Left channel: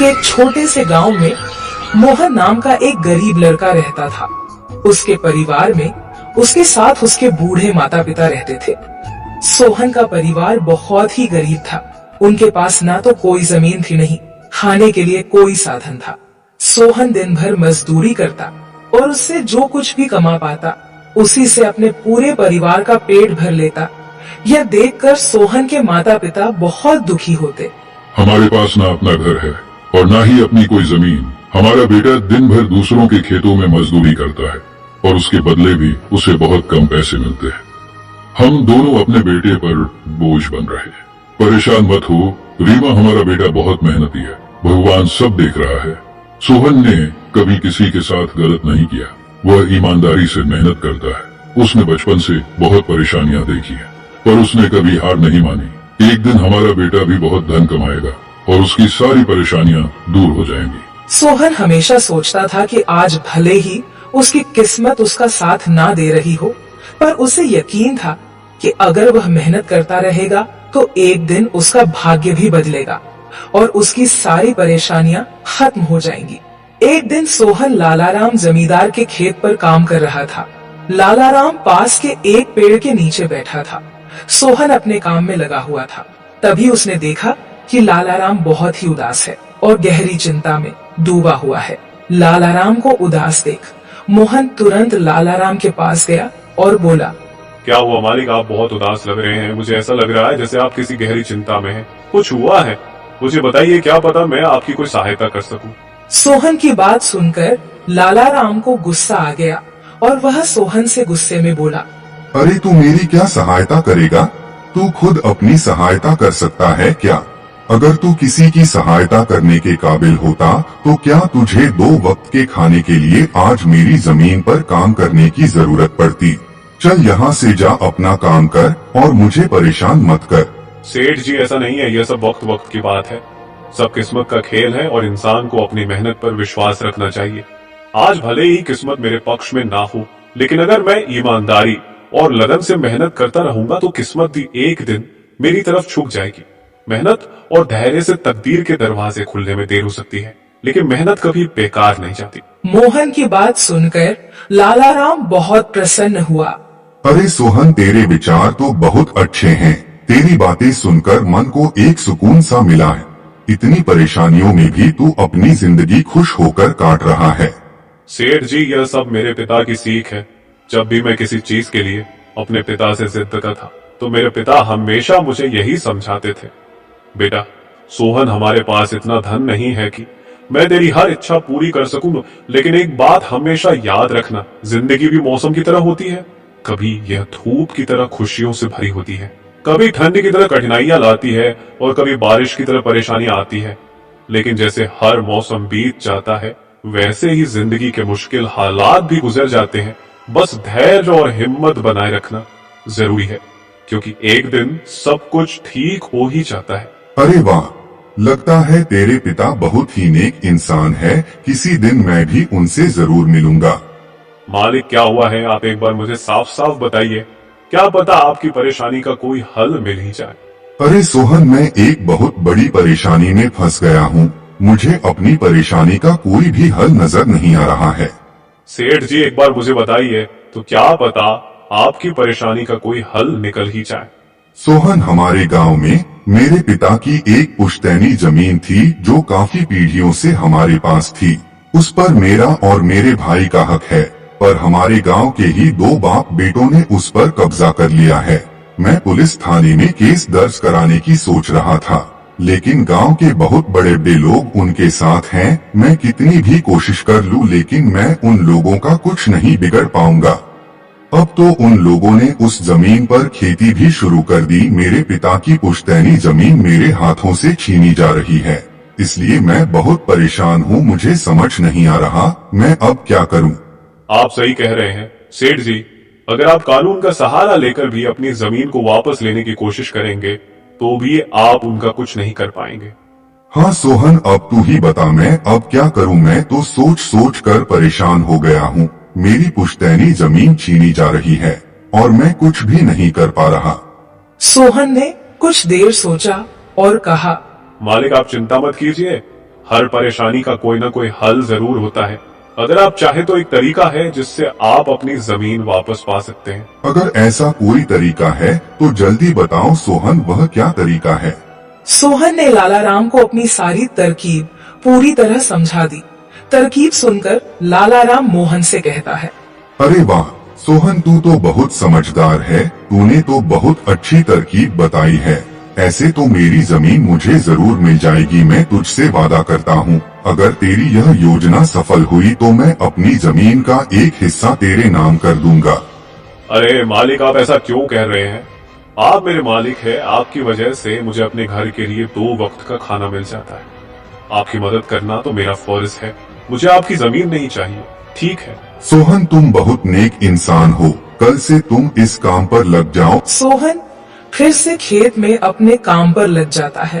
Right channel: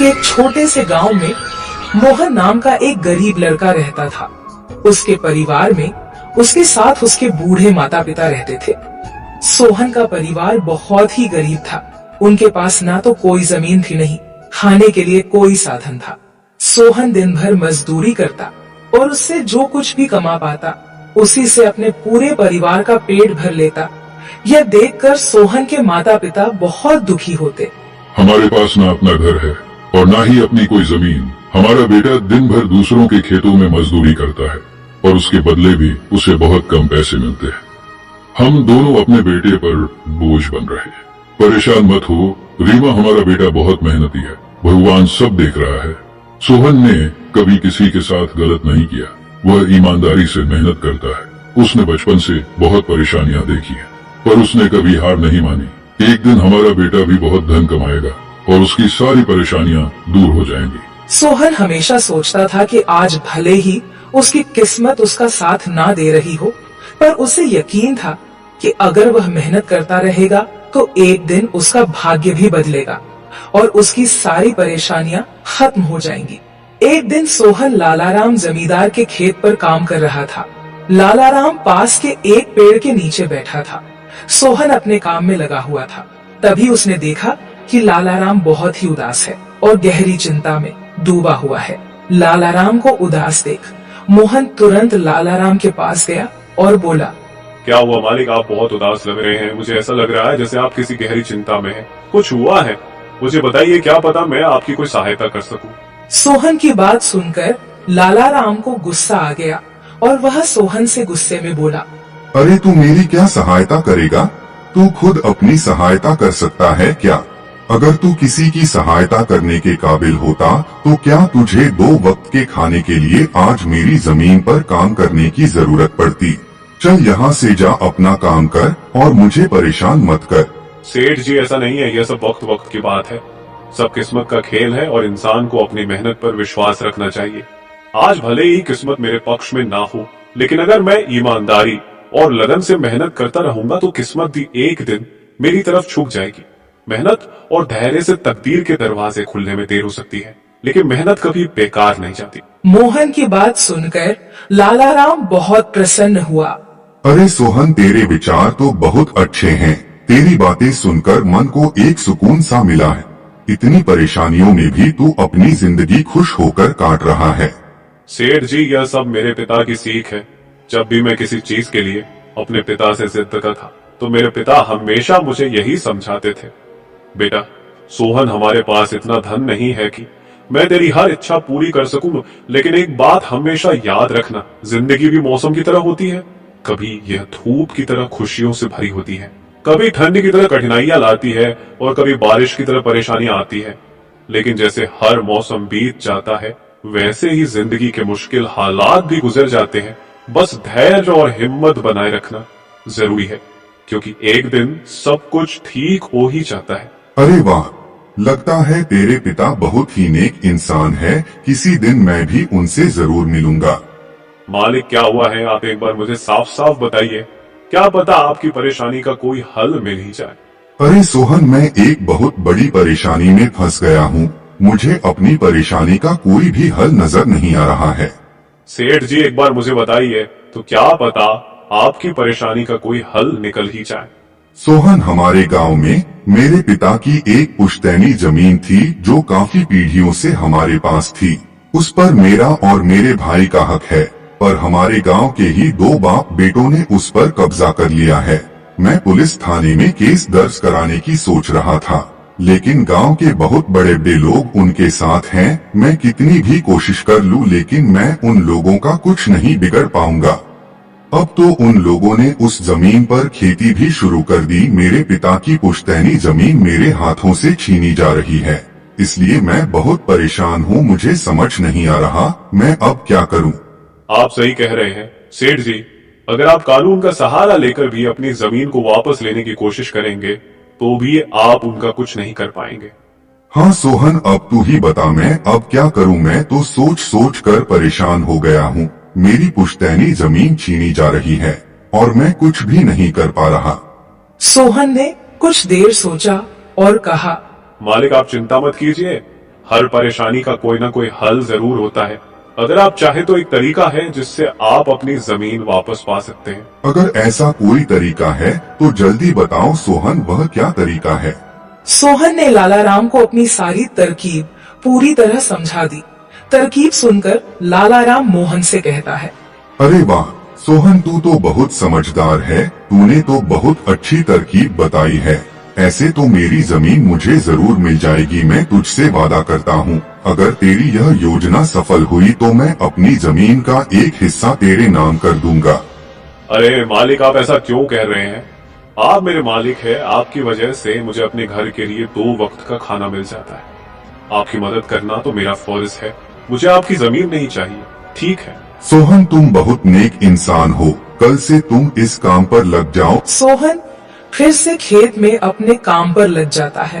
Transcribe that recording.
कि एक छोटे से गांव में मोहन नाम का एक गरीब लड़का रहता था। उसके परिवार में उसके साथ उसके बूढ़े माता पिता रहते थे। सोहन का परिवार बहुत ही गरीब था। उनके पास ना तो कोई जमीन थी, नहीं खाने के लिए कोई साधन था। सोहन दिन भर मजदूरी करता और उससे जो कुछ भी कमा पाता उसी से अपने पूरे परिवार का पेट भर लेता। यह देखकर सोहन के माता पिता बहुत दुखी होते। हमारे पास ना अपना घर है और ना ही अपनी कोई जमीन। हमारा बेटा दिन भर दूसरों के खेतों में मजदूरी करता है और उसके बदले भी उसे बहुत कम पैसे मिलते हैं। हम दोनों अपने बेटे पर बोझ बन रहे हैं। परेशान मत हो रीमा, हमारा बेटा बहुत मेहनती है, भगवान सब देख रहा है। सोहन ने कभी किसी के साथ गलत नहीं किया, वह ईमानदारी से मेहनत करता है। उसने बचपन से बहुत परेशानियां देखी है पर उसने कभी हार नहीं मानी। एक दिन हमारा बेटा भी बहुत धन कमाएगा और उसकी सारी परेशानियां दूर हो जाएंगी। सोहन हमेशा सोचता था कि आज भले ही उसकी किस्मत उसका साथ ना दे रही हो, पर उसे यकीन था कि अगर वह मेहनत करता रहेगा तो एक दिन उसका भाग्य भी बदलेगा और उसकी सारी परेशानियां खत्म हो जाएंगी। एक दिन सोहन लालाराम जमींदार के खेत पर काम कर रहा था। लालाराम पास के एक पेड़ के नीचे बैठा था। सोहन अपने काम में लगा हुआ था। तभी उसने देखा कि लालाराम बहुत ही उदास है और गहरी चिंता में डूबा हुआ है। लालाराम को उदास देख मोहन तुरंत लालाराम के पास गया और बोला, क्या हुआ मालिक, आप बहुत उदास लग रहे हैं। मुझे ऐसा लग रहा है जैसे आप किसी गहरी चिंता में हैं। कुछ हुआ है? मुझे बताइए, क्या पता मैं आपकी कोई सहायता कर सकूं। सोहन की बात सुनकर लालाराम को गुस्सा आ गया और वह सोहन से गुस्से में बोला, अरे तू मेरी क्या सहायता करेगा? तू खुद अपनी सहायता कर सकता है क्या? अगर तू किसी की सहायता करने के काबिल होता तो क्या तुझे 2 वक्त के खाने के लिए आज मेरी जमीन पर काम करने की जरूरत पड़ती? चल यहाँ से जा, अपना काम कर और मुझे परेशान मत कर। सेठ जी, ऐसा नहीं है, यह सब वक्त वक्त की बात है। सब किस्मत का खेल है और इंसान को अपनी मेहनत पर विश्वास रखना चाहिए। आज भले ही किस्मत मेरे पक्ष में ना हो, लेकिन अगर मैं ईमानदारी और लगन से मेहनत करता रहूंगा तो किस्मत भी एक दिन मेरी तरफ झुक जाएगी। मेहनत और धैर्य से तकदीर के दरवाजे खुलने में देर हो सकती है, लेकिन मेहनत कभी बेकार नहीं जाती। मोहन की बात सुनकर लालाराम बहुत प्रसन्न हुआ। अरे सोहन, तेरे विचार तो बहुत अच्छे हैं। तेरी बातें सुनकर मन को एक सुकून सा मिला है। इतनी परेशानियों में भी तू अपनी जिंदगी खुश होकर काट रहा है। सेठ जी, यह सब मेरे पिता की सीख है। जब भी मैं किसी चीज के लिए अपने पिता से जिद करता था तो मेरे पिता हमेशा मुझे यही समझाते थे, बेटा सोहन, हमारे पास इतना धन नहीं है कि मैं तेरी हर इच्छा पूरी कर सकूं, लेकिन एक बात हमेशा याद रखना, जिंदगी भी मौसम की तरह होती है। कभी यह धूप की तरह खुशियों से भरी होती है, कभी ठंड की तरह कठिनाइयां लाती है और कभी बारिश की तरह परेशानियां आती है। लेकिन जैसे हर मौसम बीत जाता है वैसे ही जिंदगी के मुश्किल हालात भी गुजर जाते हैं। बस धैर्य और हिम्मत बनाए रखना जरूरी है, क्योंकि एक दिन सब कुछ ठीक हो ही जाता है। अरे वाह, लगता है तेरे पिता बहुत ही नेक इंसान है। किसी दिन मैं भी उनसे जरूर मिलूंगा। मालिक, क्या हुआ है? आप एक बार मुझे साफ साफ बताइए, क्या पता आपकी परेशानी का कोई हल मिल ही जाए। अरे सोहन, मैं एक बहुत बड़ी परेशानी में फंस गया हूँ। मुझे अपनी परेशानी का कोई भी हल नजर नहीं आ रहा है। सेठ जी, एक बार मुझे बताइए तो क्या पता आपकी परेशानी का कोई हल निकल ही जाए। सोहन, हमारे गांव में मेरे पिता की एक पुश्तैनी जमीन थी जो काफी पीढ़ियों से हमारे पास थी। उस पर मेरा और मेरे भाई का हक है, पर हमारे गांव के ही 2 बाप बेटों ने उस पर कब्जा कर लिया है। मैं पुलिस थाने में केस दर्ज कराने की सोच रहा था, लेकिन गांव के बहुत बड़े बड़े लोग उनके साथ हैं। मैं कितनी भी कोशिश कर लूं, लेकिन मैं उन लोगों का कुछ नहीं बिगड़ पाऊंगा। अब तो उन लोगों ने उस जमीन पर खेती भी शुरू कर दी। मेरे पिता की पुश्तैनी जमीन मेरे हाथों से छीनी जा रही है, इसलिए मैं बहुत परेशान हूँ। मुझे समझ नहीं आ रहा मैं अब क्या करूँ। आप सही कह रहे हैं सेठ जी, अगर आप कानून का सहारा लेकर भी अपनी जमीन को वापस लेने की कोशिश करेंगे तो भी आप उनका कुछ नहीं कर पाएंगे। हाँ सोहन, अब तू ही बता मैं अब क्या करूँ। मैं तो सोच सोच कर परेशान हो गया हूँ। मेरी पुश्तैनी जमीन छीनी जा रही है और मैं कुछ भी नहीं कर पा रहा। सोहन ने कुछ देर सोचा और कहा, मालिक, आप चिंता मत कीजिए, हर परेशानी का कोई ना कोई हल जरूर होता है। अगर आप चाहे तो एक तरीका है जिससे आप अपनी जमीन वापस पा सकते हैं। अगर ऐसा कोई तरीका है तो जल्दी बताओ सोहन, वह क्या तरीका है? सोहन ने लाला राम को अपनी सारी तरकीब पूरी तरह समझा दी। तरकीब सुनकर लाला राम मोहन से कहता है, अरे वाह सोहन, तू तो बहुत समझदार है। तूने तो बहुत अच्छी तरकीब बताई है। ऐसे तो मेरी जमीन मुझे जरूर मिल जाएगी। मैं तुझसे वादा करता हूँ, अगर तेरी यह योजना सफल हुई तो मैं अपनी जमीन का एक हिस्सा तेरे नाम कर दूंगा। अरे मालिक, आप ऐसा क्यों कह रहे हैं? आप मेरे मालिक हैं। आपकी वजह से मुझे अपने घर के लिए 2 वक्त का खाना मिल जाता है। आपकी मदद करना तो मेरा फर्ज है। मुझे आपकी जमीन नहीं चाहिए, ठीक है? सोहन, तुम बहुत नेक इंसान हो। कल से तुम इस काम पर लग जाओ। सोहन फिर से खेत में अपने काम पर लग जाता है।